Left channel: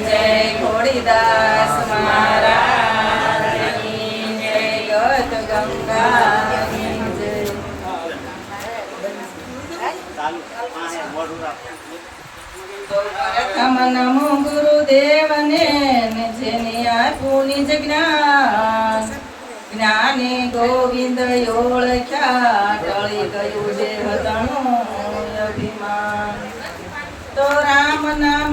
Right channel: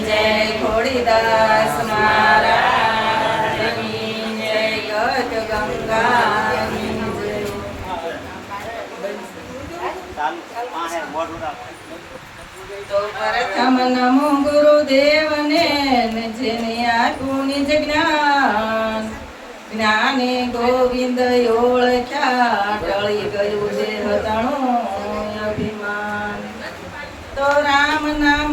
જય ખોડીદાસ મારા જય પ્રથમ નમો ગુરુદેવને જેને આપ્યું નિજ જ્ઞાન, જ્ઞાને ગોવિંદ ઓળખ્યા, ટળી ગયું જે હતણું અભિમાન તો રામ નામ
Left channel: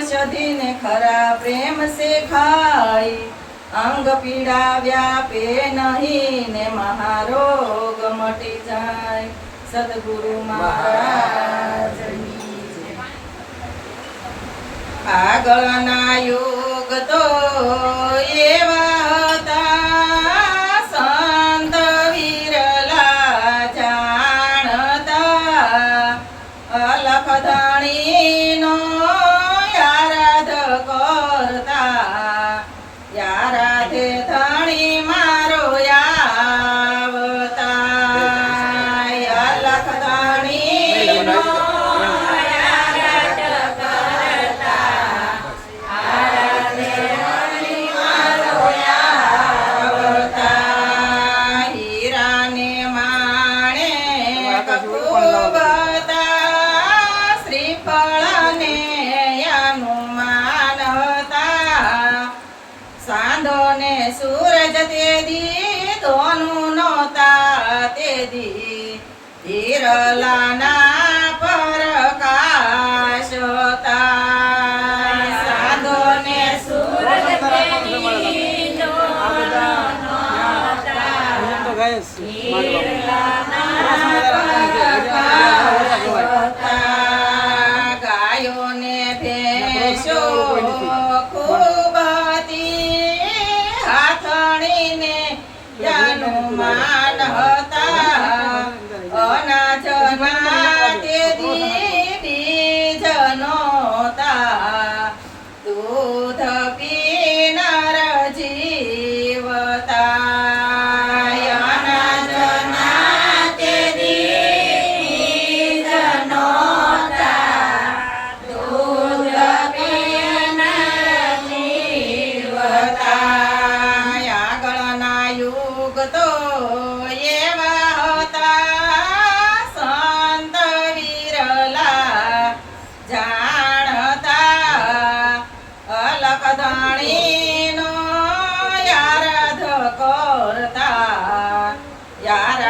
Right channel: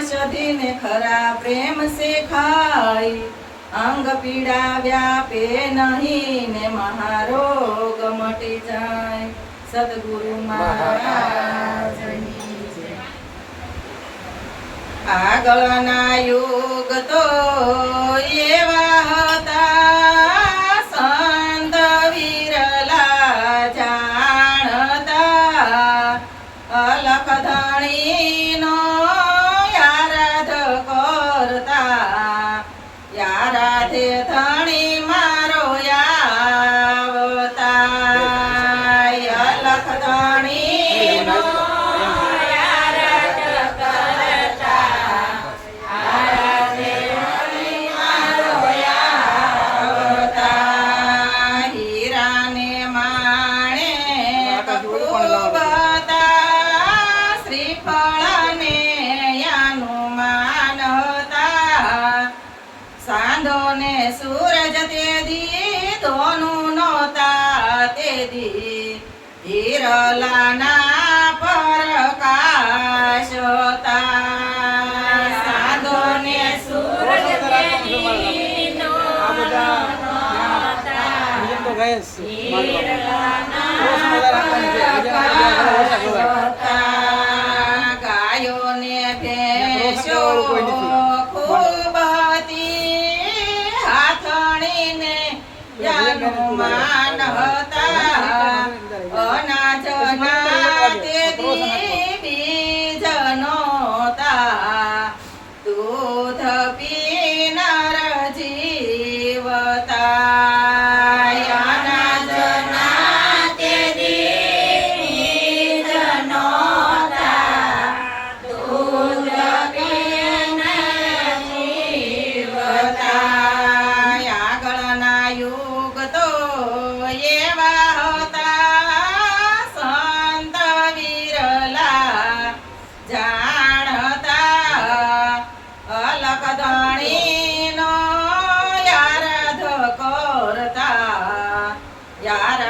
કી ઔષધિ ખરા પ્રેમ સે ખાઈ, અંગ પીડા વ્યાપે નહીં ને મહારોગ મટી જાય સદગુરુ મહારાજ. આગળના યુગ તો સૂરજ તેદી ધોનું નોતા તેદી હિરલાના પરકાશતા સાંધોને સૂરજ તેદી આ બધા ગાય જાનું માન da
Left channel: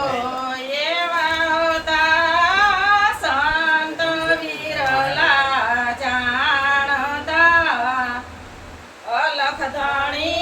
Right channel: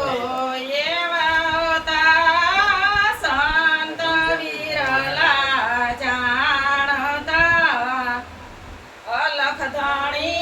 લખતાણી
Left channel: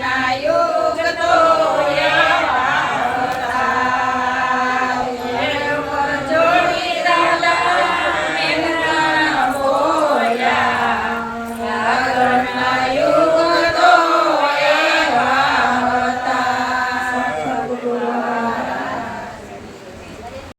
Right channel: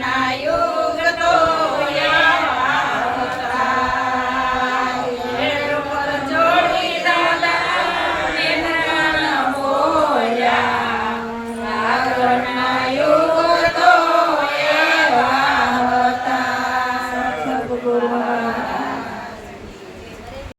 night.